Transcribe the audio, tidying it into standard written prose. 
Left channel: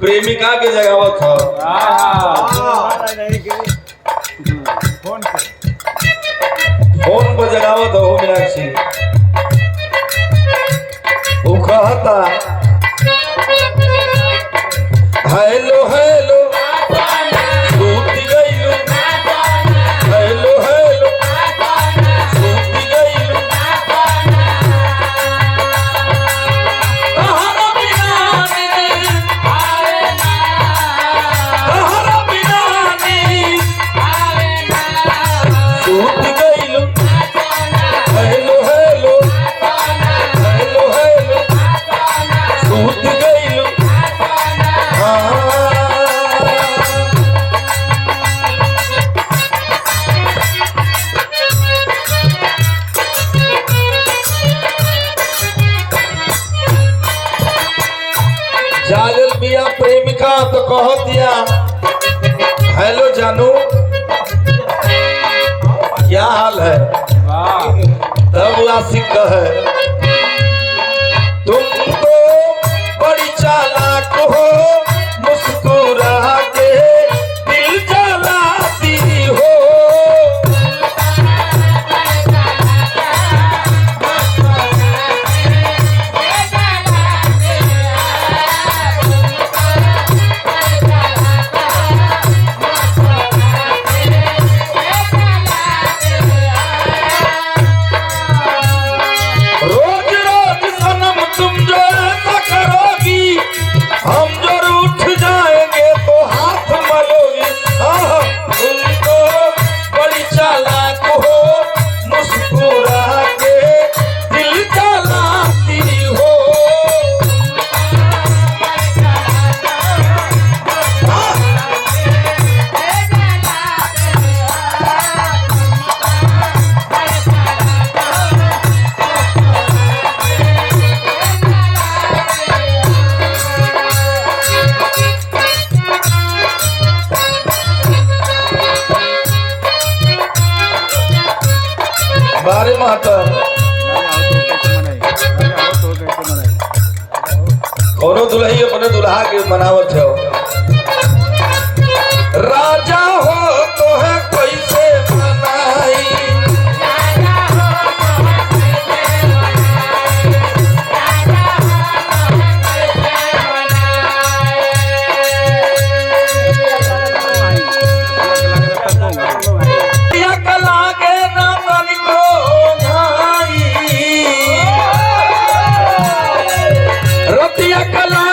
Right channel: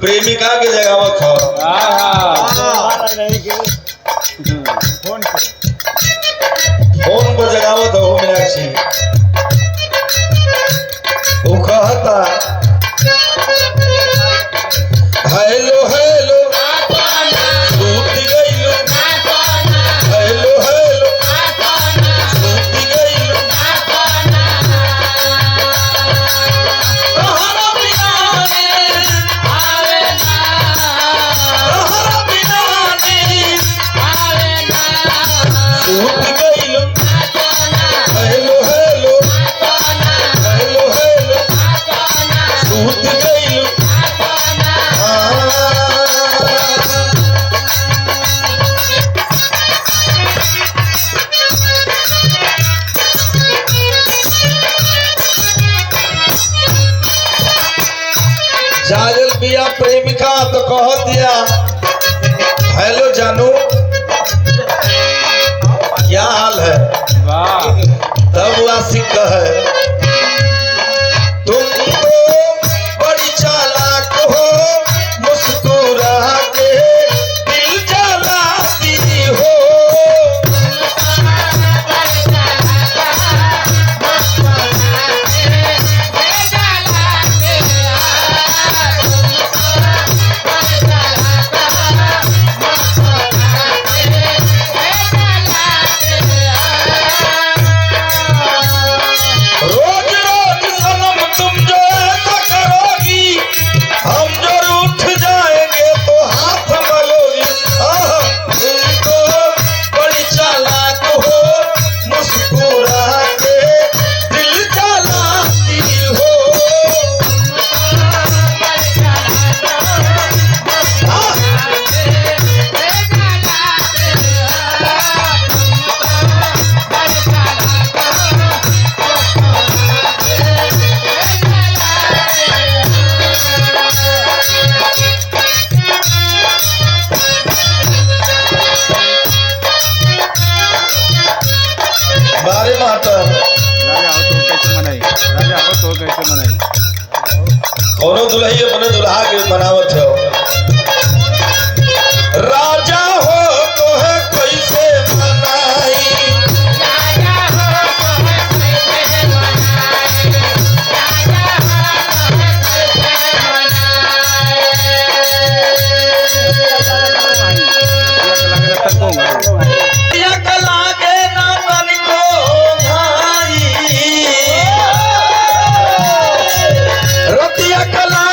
प्रेमिका के जगावत हो। फोन पर जगावत हो मीनाक्षी। वो कहता हेलो हेलो सूत गइलो, हेलो हेलो सूत गइलो, तहरा बिना नींद आवे ना, तहरा बिना नींद आवे ना, सूत गइलो, हेलो हेलो हेलो हेलो सूत गइलो। जागल बिया प्रेमिका तो कह दिया हेलो जानू क्या हाल है, तब आशिक है तुमको बड़ी चालाक हो, मुस्कुरा के दिल जलाती हो। रोज रोज सनम तुम जो ऐसा करोगी, हम जरूर उठ जाएंगे तो हाथ मलोगी। तुमको बड़ी चालाक हो, मुस्कुरा के दिल जलाती हो। बारे माता कोनो दुल्ही अपने दुल्हा के मनावत हो। राजा हो तो है कैसे मनाई, या कला के ना तनिको भाई, रतिया कला